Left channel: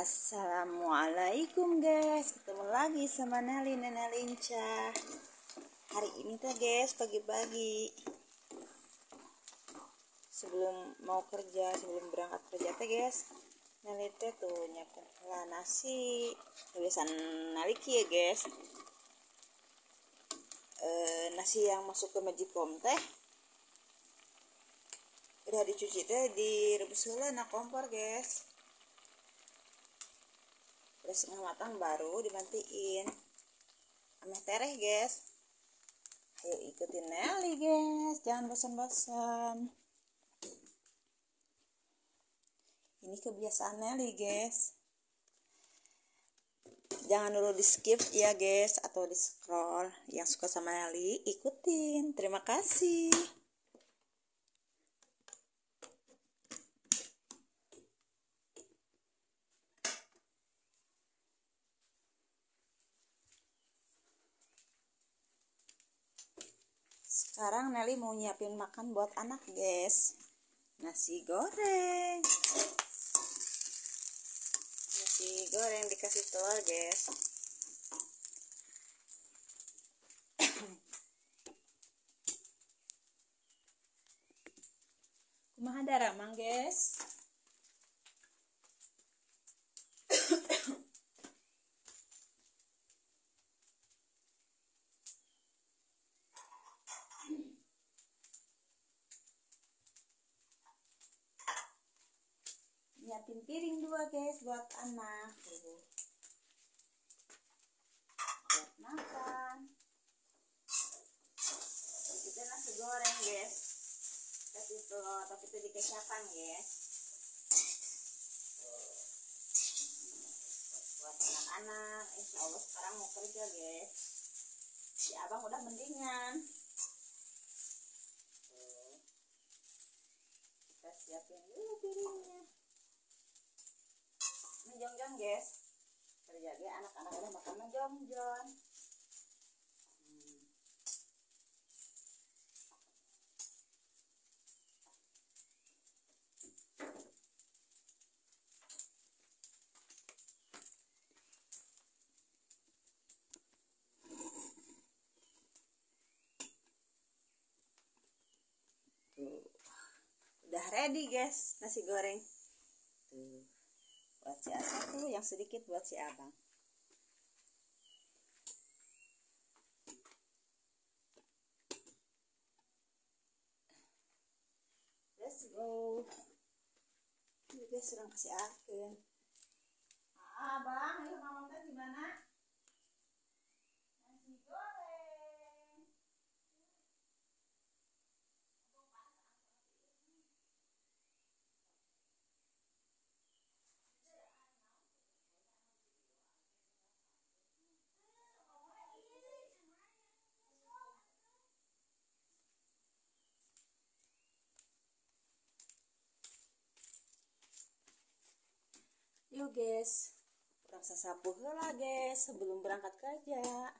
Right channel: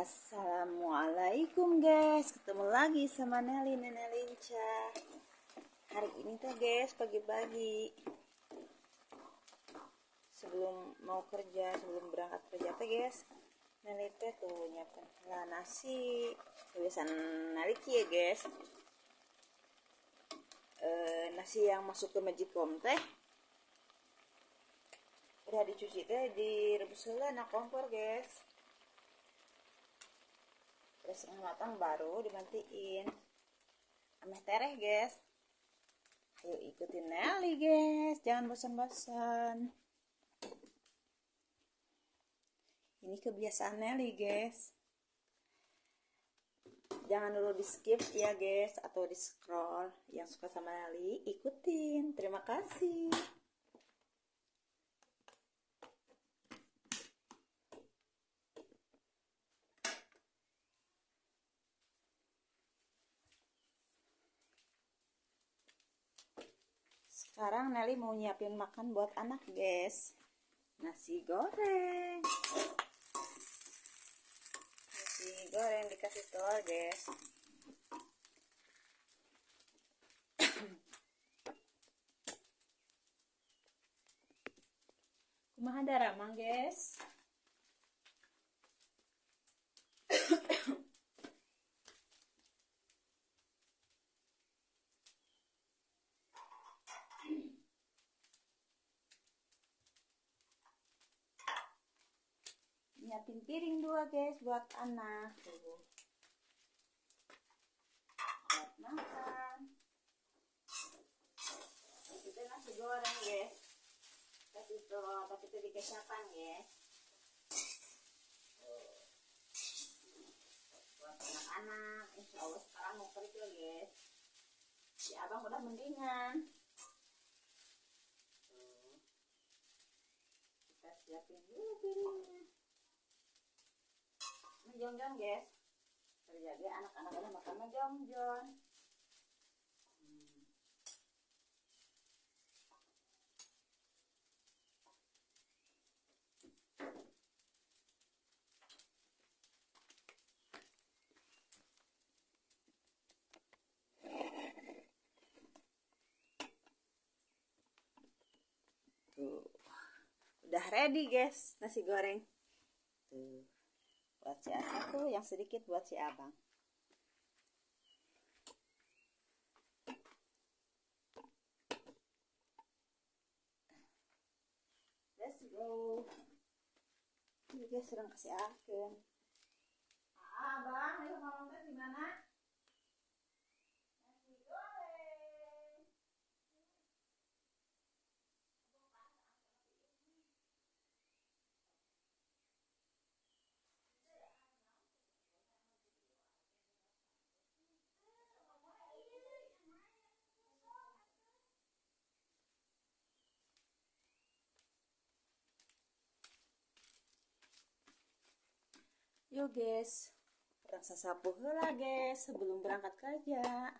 Assalamualaikum guys, ketemu lagi sama Nelly Nenek Lincah. Hari ini tuh guys, pagi-pagi sebelum mau kerja, sebelum berangkat kerja tuh guys, Nelly tuh nyiapin lah nasi. Kebiasaan Nelly ya guys, nasi yang masuk ke magicom teh udah dicuci teh, direbus heula na kompor guys. Terus setengah matang baru dimatiin ameh tereh guys. Ayo ikutin Nelly guys, jangan bosan-bosan. Ini kebiasaan Nelly guys, jangan dulu di skip ya guys, atau di scroll. Yang suka sama Nelly ikutin, terima kasih. Sekarang Nelly mau nyiapin makan buat anak guys. Nasi goreng. Nasi goreng dikasih telur guys. Kumaha daramang guys. Nyiapin piring 2 guys buat anak tuh, buat makan. Itu nasi goreng guys, kasih telur tapi itu dikecapan guys, buat anak-anak. Insya Allah sekarang mau kerja guys, si abang udah mendingan. Tuh, kita siapin dulu piringnya. Jongjon guys, terjadi anak-anak udah makan jongjon. Tuh, udah ready guys nasi goreng. Tuh, buat si Asa tuh, yang sedikit buat si abang. Let's go. Ini guys sedang kasih aken. Abang, ayo ngomong teh gimana? Nasi goreng. Yuk guys, rasa sapu heula guys sebelum berangkat kerja.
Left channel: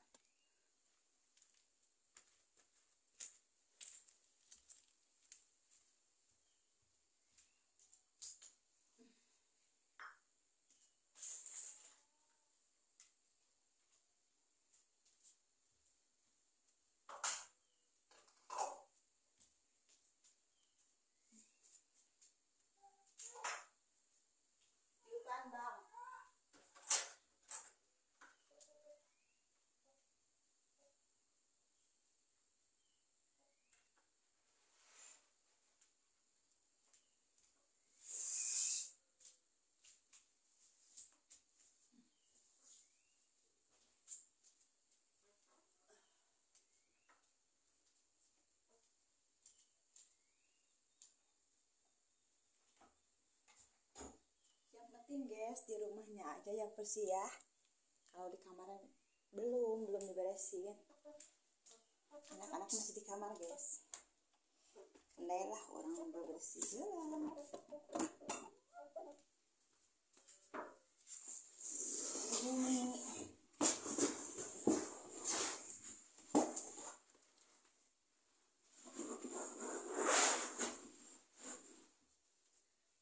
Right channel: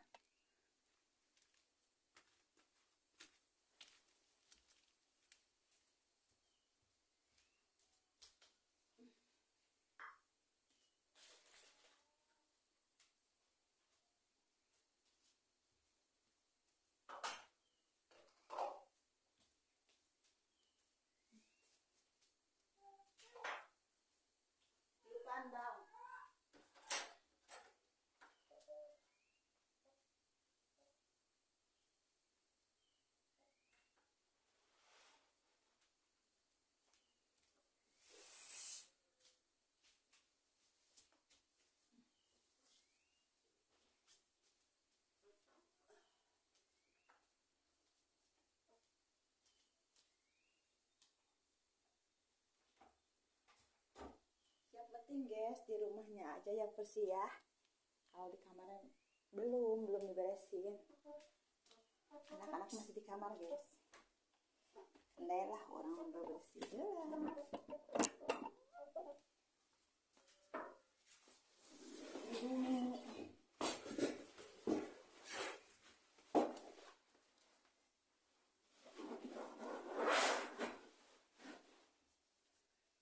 Yuk kandang. Yang penting guys di rumahnya aja yang bersih ya. Kalau di kamar belum diberesin. Anak-anak masih di kamar guys. Lah orang bersih heula. Ini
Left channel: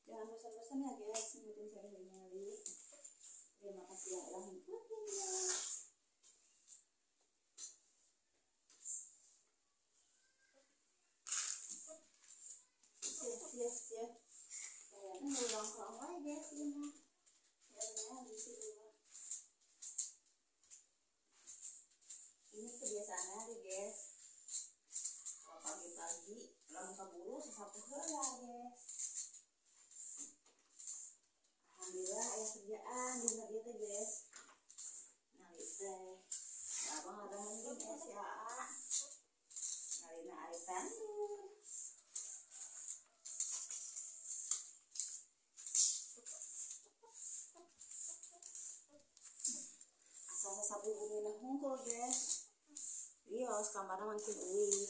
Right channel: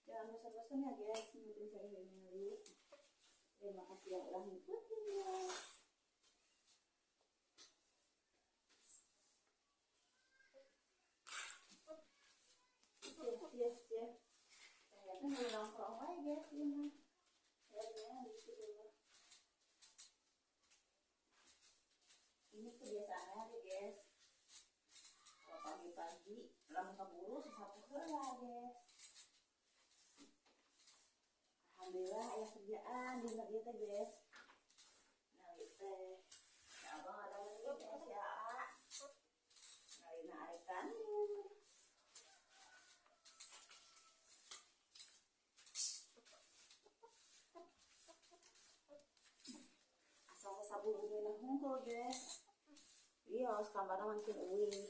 jangan bosan-bosan ya guys, ngikutin saya Nelly. Ya udah ngikutin ya. Yes. Kayaknya ngulang-ulang lagi guys ini. Kayaknya gitu dulu. Ini kebiasaannya deh guys. Kalau pagi-pagi lamun kaburu sesapu heula guys. Alhamdulillah aya kerjaan dina dieu teh guys. Ngali teh. Ya abang ada mending ya. Ngalina ari tandur. Asal sapu bumi na hungkul guys. Iya, awas kamarnya makin uih.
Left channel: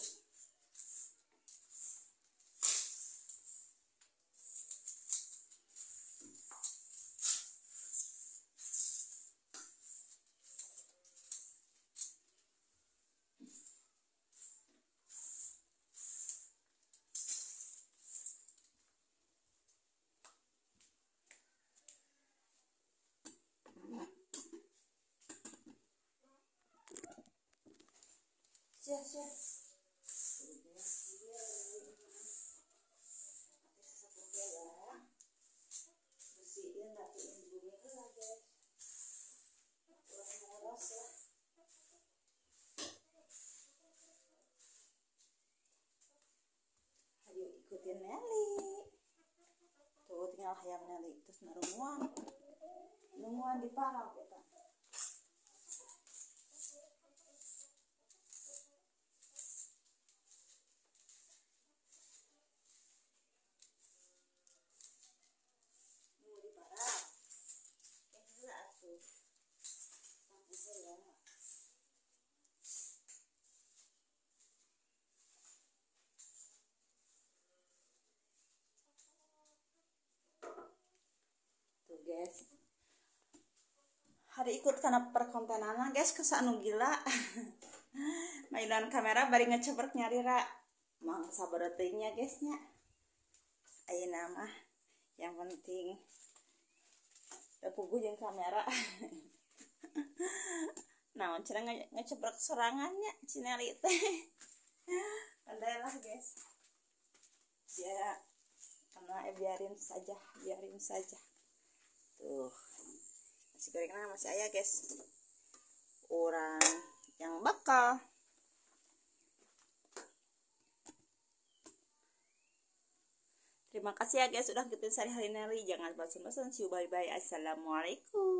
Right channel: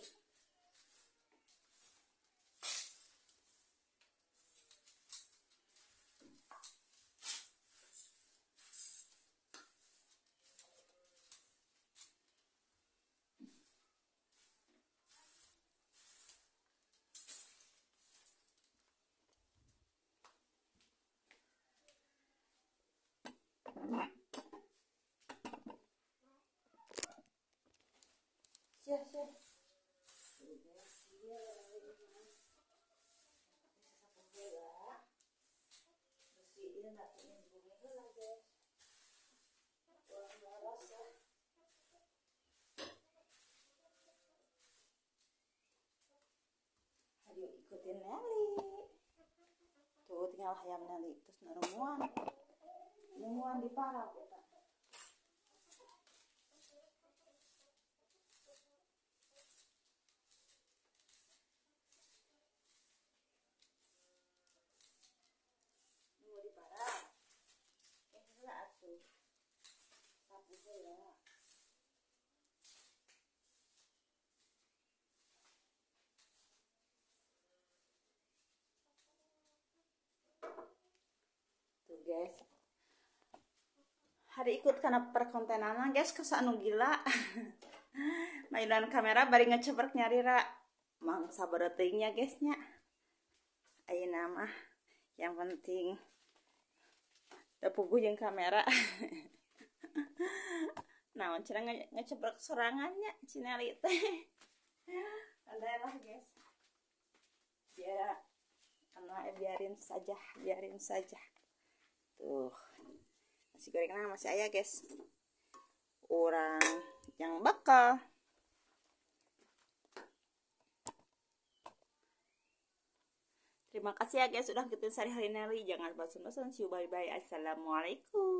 Siap. Bersihin rapiin bumi heula guys. Beres ya. Ayo ikutin Nelly. Tuh tinggal hayam Nelly terus nungguan di parang kita. Nunggu di parang. Heula atuh. Sapu heula. Tuh guys. Hari ikut karena perkontenan guys kesan anu gila. Mainan kamera bari ngecebrek nyari ra. Mang sabar teuingnya guys nya. Ayeuna mah yang penting da puguh jeung kamera. Naon cenah ngecebrek sorangannya Cineli teh. Adalah guys. Ya karena biarin saja. Tuh. Nasi gorengnya masih ayah guys. Orang yang bakal. Terima kasih ya guys sudah ngikutin sehari-hari Nelly. Jangan bosan-bosan. See you, bye-bye. Assalamualaikum.